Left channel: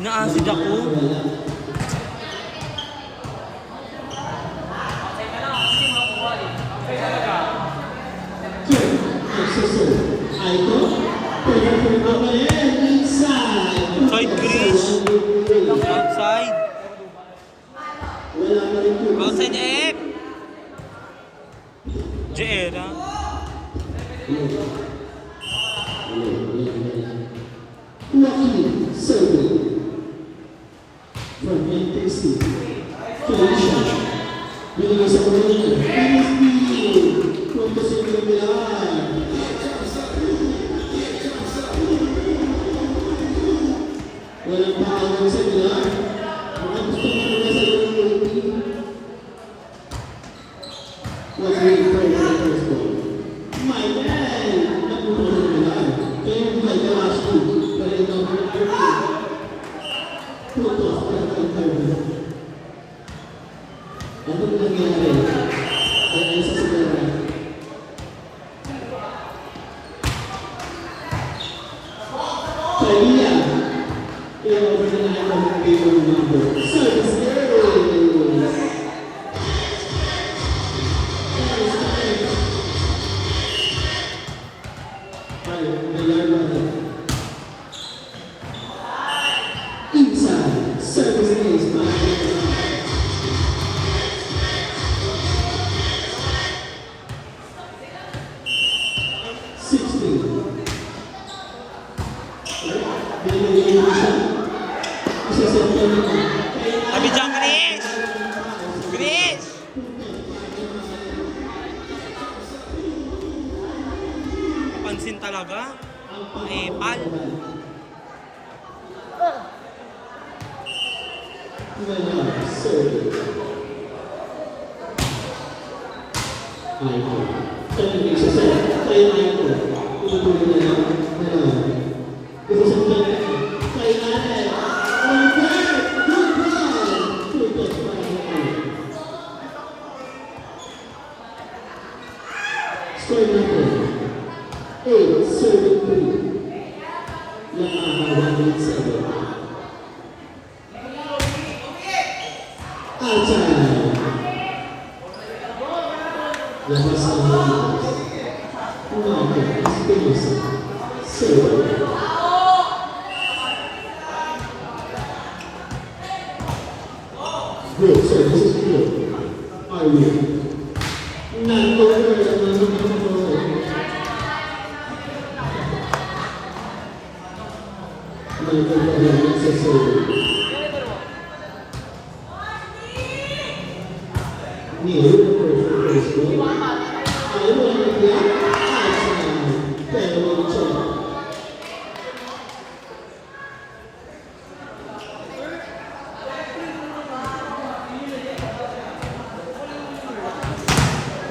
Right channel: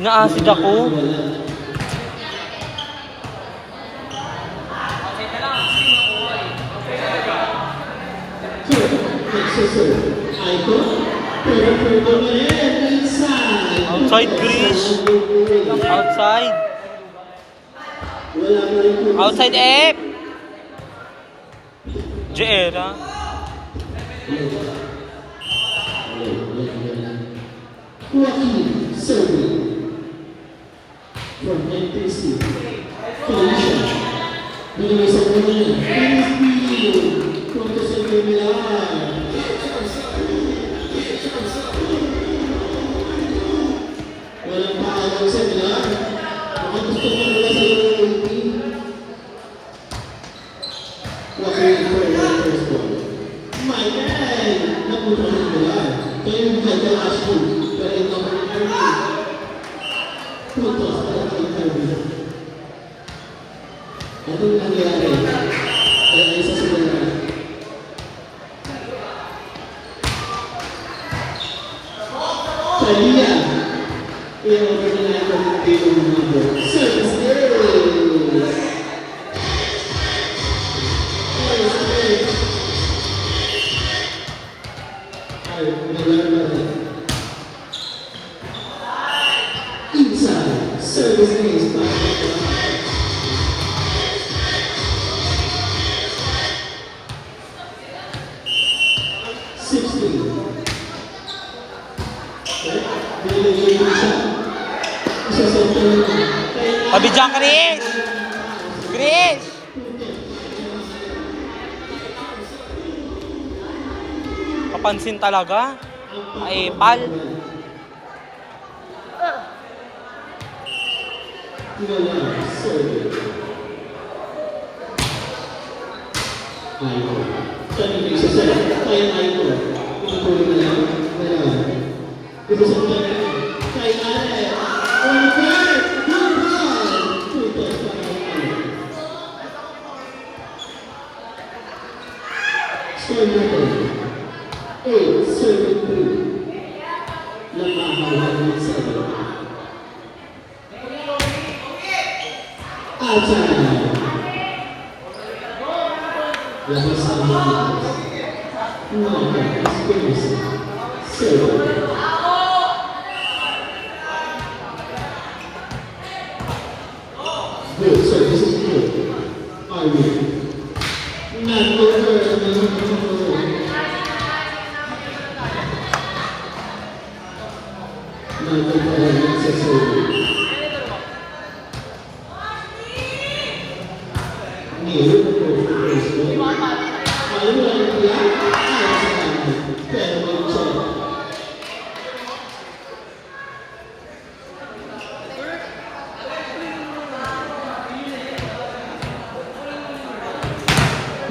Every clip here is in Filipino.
Ina-acid ako. Outside, Chris. Outside. Outside, F. Jera. Joaquin serving from NTC. Felicia. Bigyan sa kanila. PSP. Punto sa Milan. Walang paawag sa Milan. Mga gusto mo nila sa team. Joaquin for the first ball. My God! Napunta sa Milan. Kaya yung Michael Ashton. Pero ito ang putos para kay Kirby. Ito yung nangyari. Kaya isa sila. Kalia. I-over na lang ito ng table ng number. Service days! Ay, nalaman. Inside, service days. 60. Sabi dyan, Chris. Chris. Kapansin talaga. Ay, pal.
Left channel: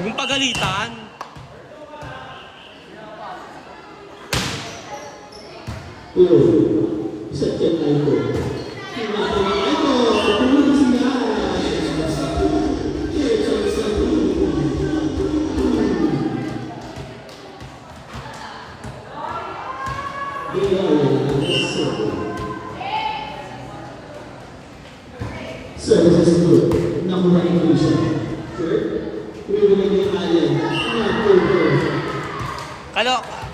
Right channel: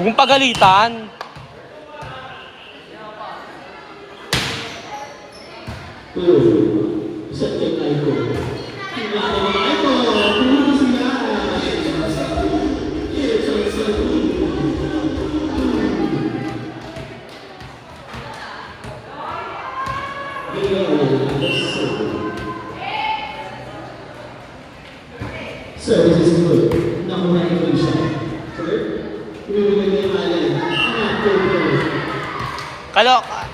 Huwag mong pagalitan. Service is good. Number 1 Felicia. Clear? Kaloka.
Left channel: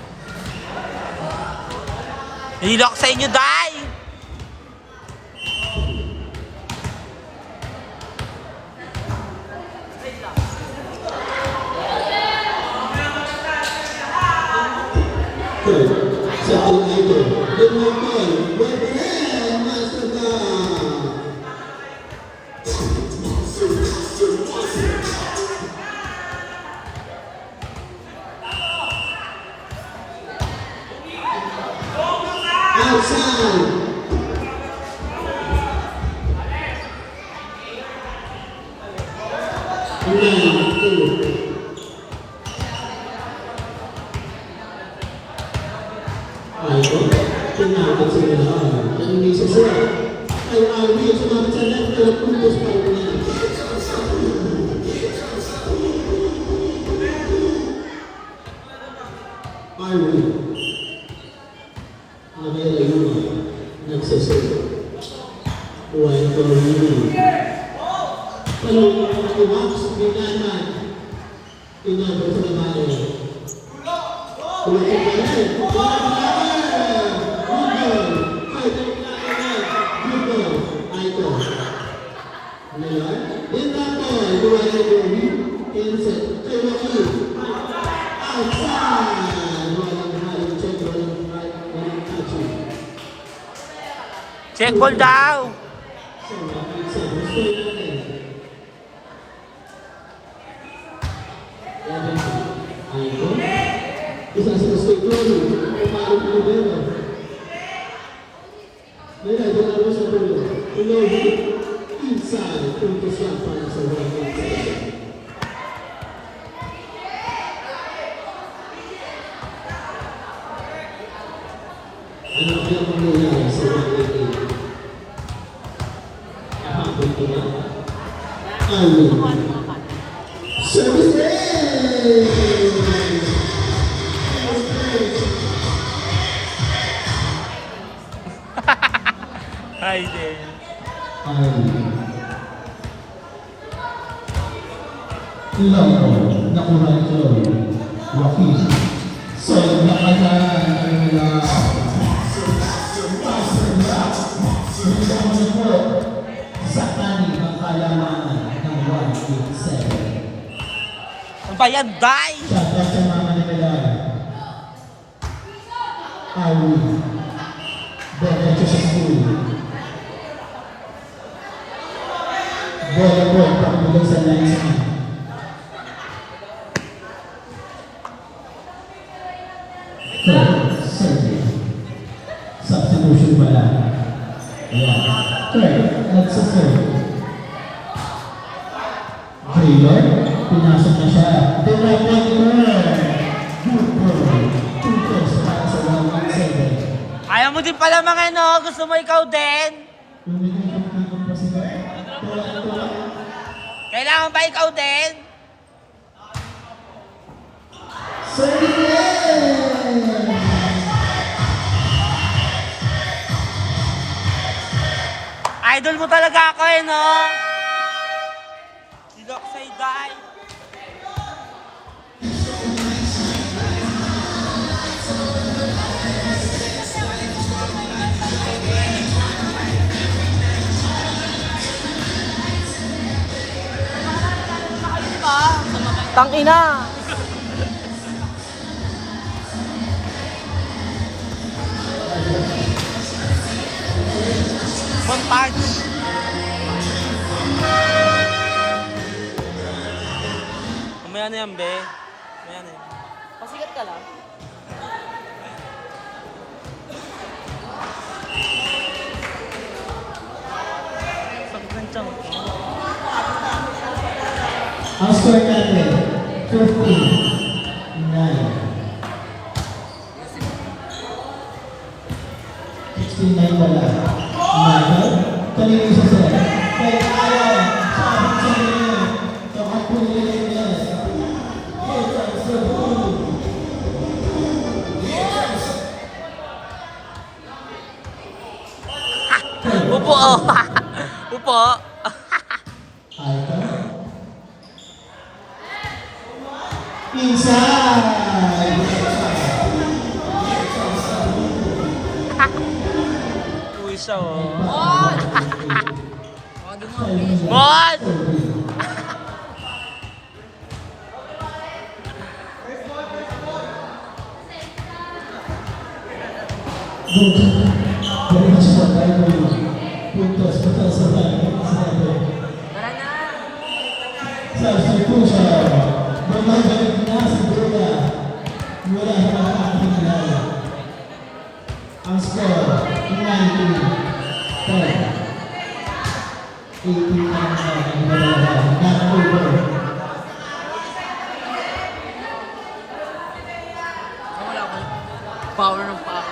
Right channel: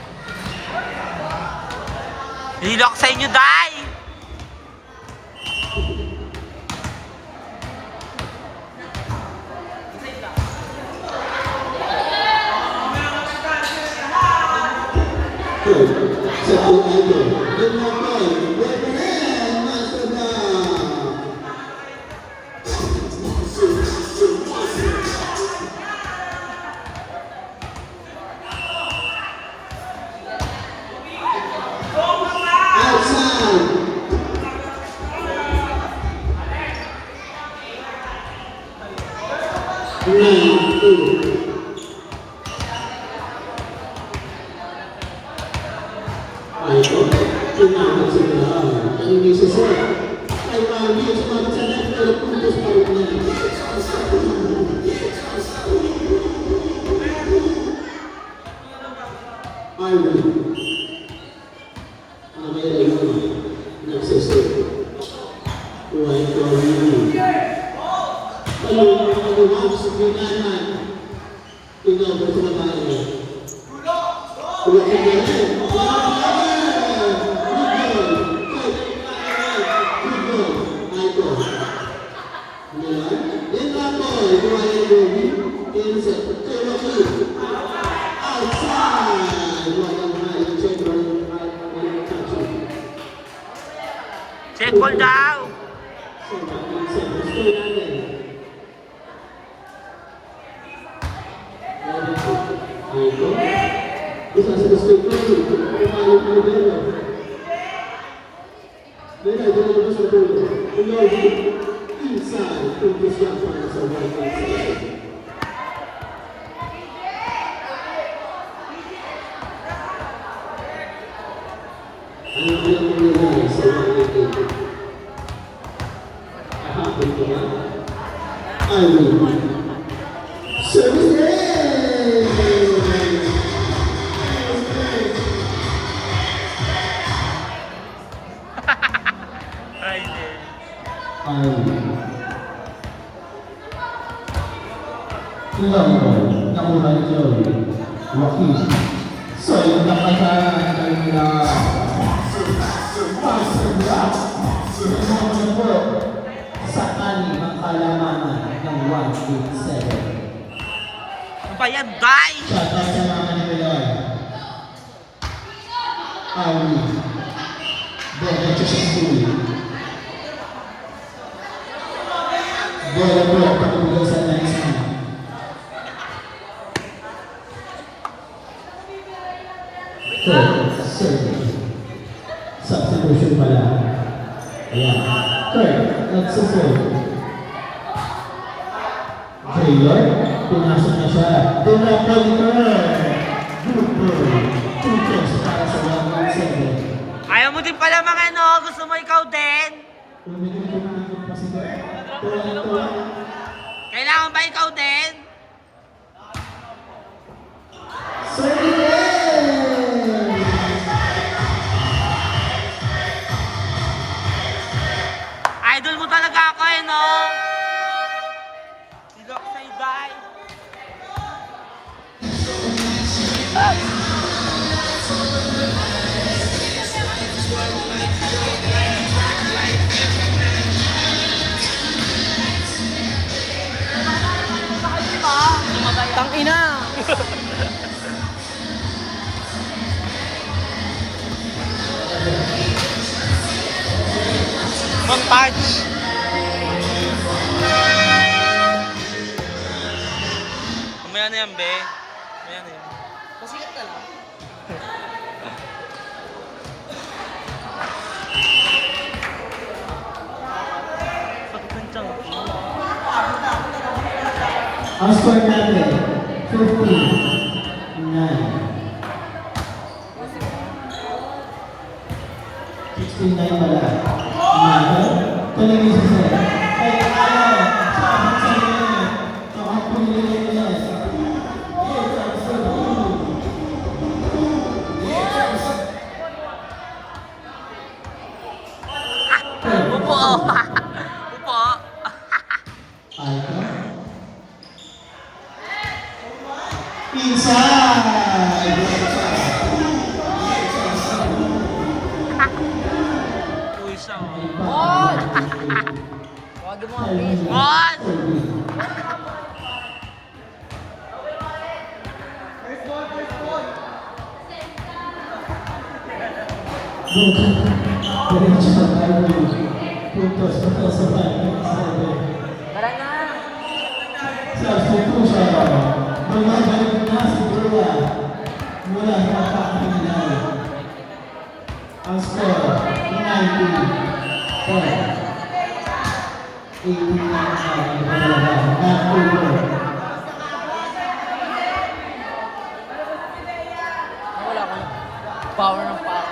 Hilak sa inyo, Day! Sa Almeida, Lumapay, Bethlehem, Masada. Outside. 9-2. Aiko, tinawag sa lahat. Ang isa siya, ay Arby, sumagot sa lahat, pero puntos pa rin niya. Arby. Amera yun, nagsasay. Huwag ko rin. Palungan ang iwag sa pinanan. Tinawag sa lahat. Huwag ko rin. Check ball daw! Inside, puntos yan para sa right side. Ano ang nangyayari sa right side? Ahapon ko na. Alvin. Service range! Ay, di. Ilang na unang Joey, Joaquin. So, nakadaan ang nila. Sumunod na po sa kanin ng kalamangan ng 187. Ano ba yan, Day? Shoutout sa mga nila. Awi. Diretso sa school. Bola pakibulan sa next one. Third, second. Substitution pala. Ayan. Third, that's a third. Taylor, pinasok na siya. Pinapag Taylor. Good ball. 2 points para sa 1-7. Ayaw mo din pala mga no? Gusto mo ikaw din? Lumilikot pa sila. Kailangan ba ikaw din? Idol mo talaga ako eh, no? Hilak sa'y Day. Tangina! Montage! Kumaya na yan, be. Kumaya na yan. Pasikat ka lang. Sakit ng tiyan ko. Ang score natin, 15-9. 16-9 pala. Kanina isa sila. Kaya ayaw, sabi sa inyo, kakapunin nyo yan. Upo! Upo! Inside! siya, oh. Mon! Oh, di mo ang Mon! Puntos para sa bayan. Tara na! Substitution. Bumabalik na si Bula. Wala na pakinalay. Ang score, 90. 18 na Wala ko na power ng paa.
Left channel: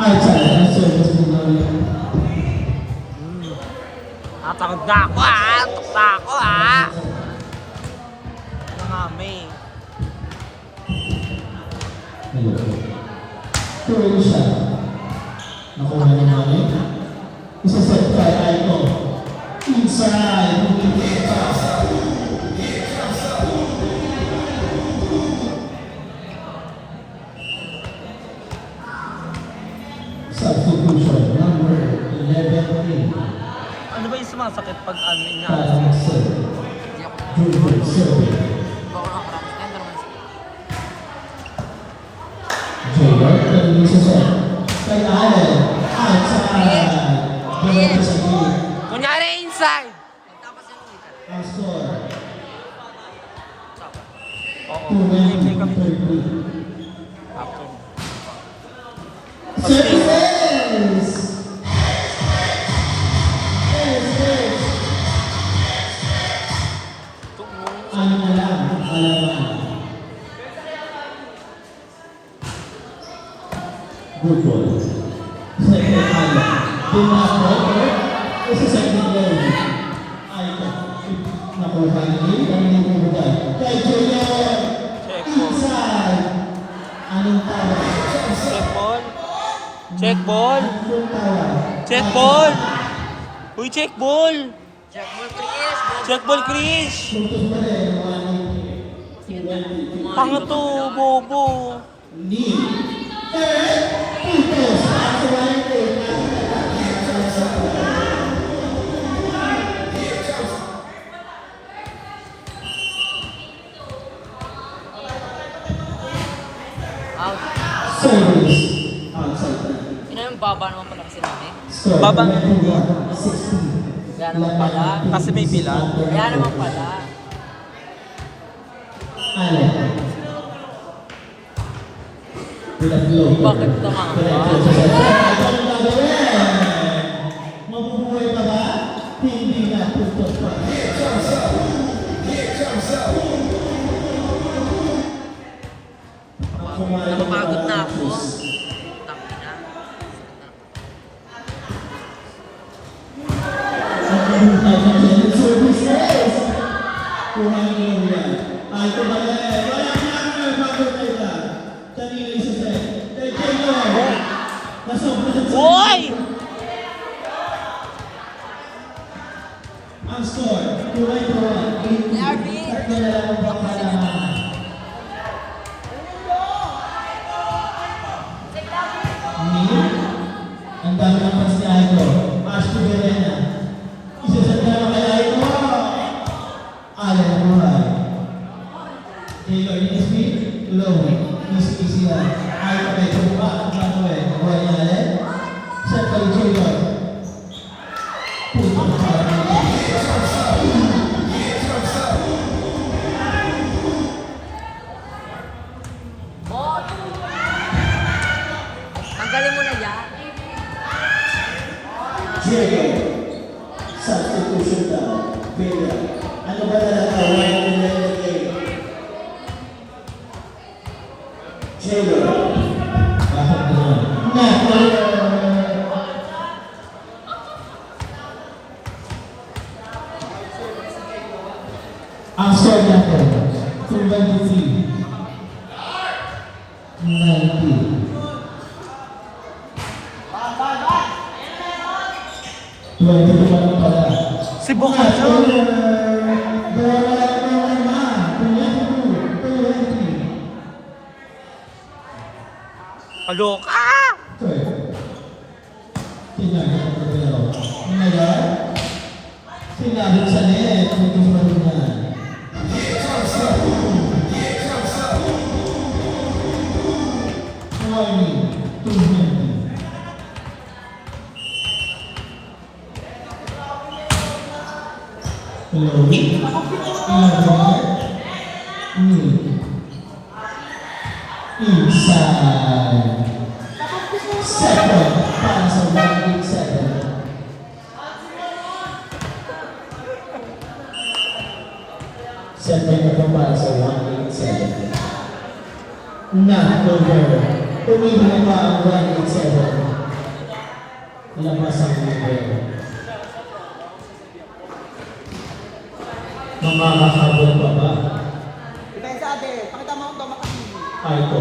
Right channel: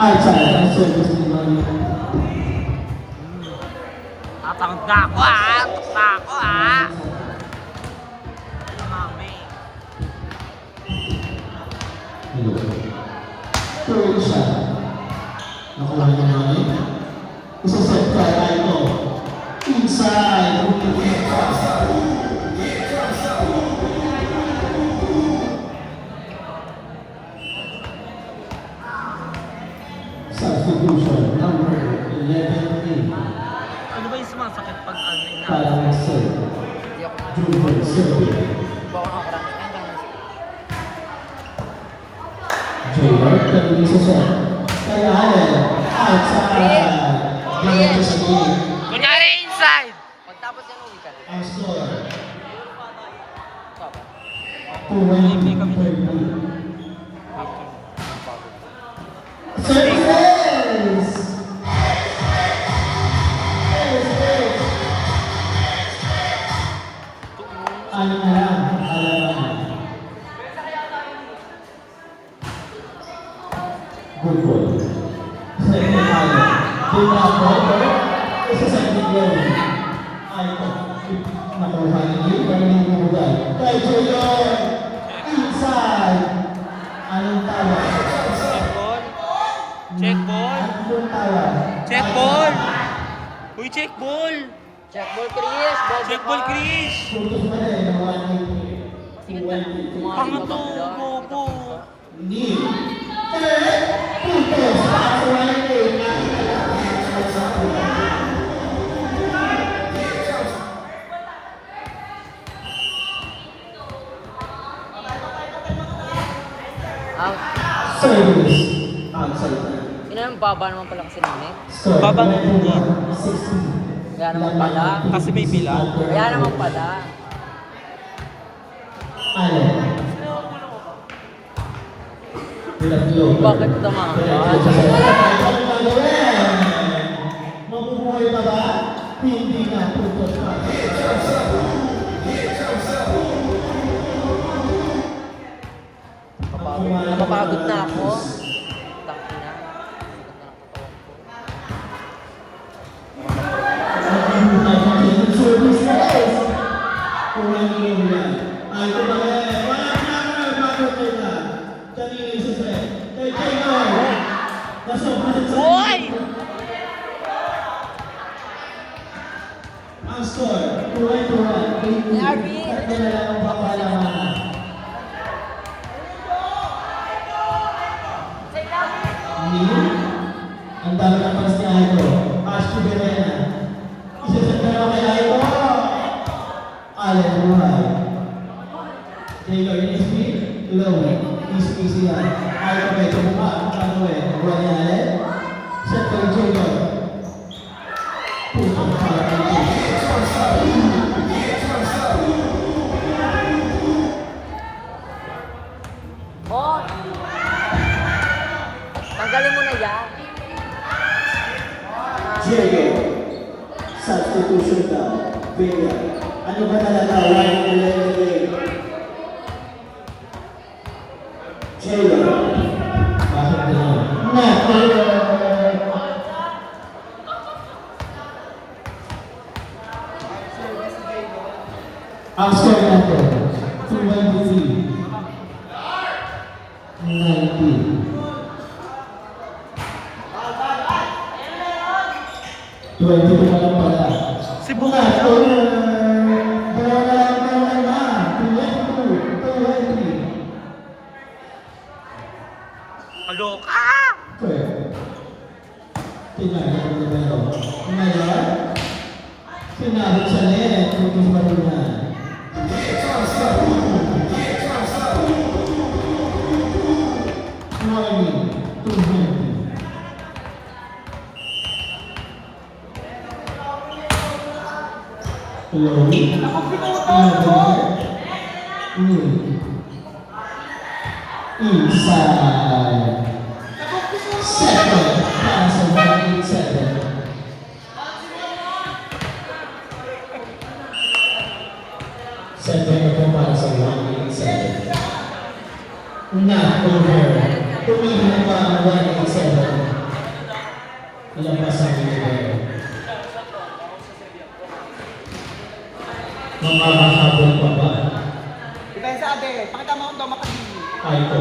ay sana service mo Takot na ako, ah! Takot na ako, ah! Mami. tuloy siya. Nakuha niya namin. Isa-set ka tayo mo. Inside. Substitution number 11. Ano ba yung sumasakit pag ano ina? Hindi ako Hindi ako nakakarami. Ano naman? Kunyari inside! Pagtapos yan, ulit ka. Ang score, Sapa. Oo, play kami dun. After. service! Alam na lang, alam na. Good ball. Second item. Dinapper. Isa sa bigyan. Item. Nakuha niyo. Pagiging kumugay. Kay Junior. Inside. Anong tawag? Ball. Check ball. Anong tawag? Check ball! Uy, check ball! Jack Ball Chris! Bobo Check ka. ball, Chris! Puntos pa rin. 190. Pangato, bobo! Ni. Puntos. Para sa 190. Out. Service. Outside. Yun ang baba naman pala kasi nani. Score. Baba. 16. Kaya naman pala. Kasi may bilang. Kaya naman pala. Allen. Bakit naman? Anong gagawin? Mabubuhay pa ba? Hindi na puntos pa. Napapagod na ako. Tangin na. Service race. Kulang yung yan. Ay, kumali. Wala na nagpapagod nila. Kanina isa set. Kay Jacob. Nasobrang sa Boy! ang score. 2-1. Nervy! Kaya lang ang pakalaman. Ang dami ng fans ni Aiko. Ashby Berena. Isa-set na lang kay Aiko. Allen buhay. Taylor Nisby. Low. Easy lang. Aiko kay Tumba. Ang gawin. Buhay ni Allen. Set kay Junior. Puto para kay Tanggalin mo na yan. Junior. Substitution daw. Bigla. Ano ba talaga? Why are you letting Junior. Bakit naman? Ang score natin, 223. 90. 22 lang pala. Si Buka. Bukas, over. 22. Kaloka! Correct. Tinagyan ang dalawa. Ngayon, sinabot sa net. Ito sa malunan. Warning, 220. Hello? Inside. Second, para sa 187. Second na para sa 187. Not over. Pumili na pa ang 187. Lampas ang number. Makakahabol pa ba? Ikaw sabi, pakita mo ito Ay ko.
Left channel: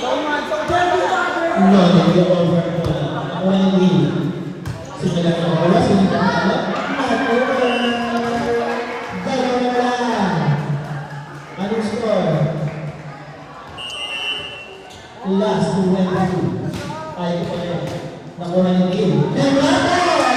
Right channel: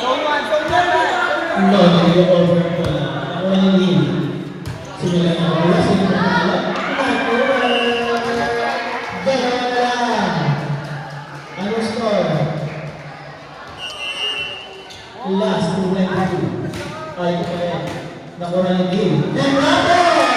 No, No, nag-over ko lang. Ako ang lead. Simula na ako. Sino ba ako? Not over. Dalawa lang. Anong score? Last 22. Ay ko pa rin. Nakuha ng game. Then Ramos!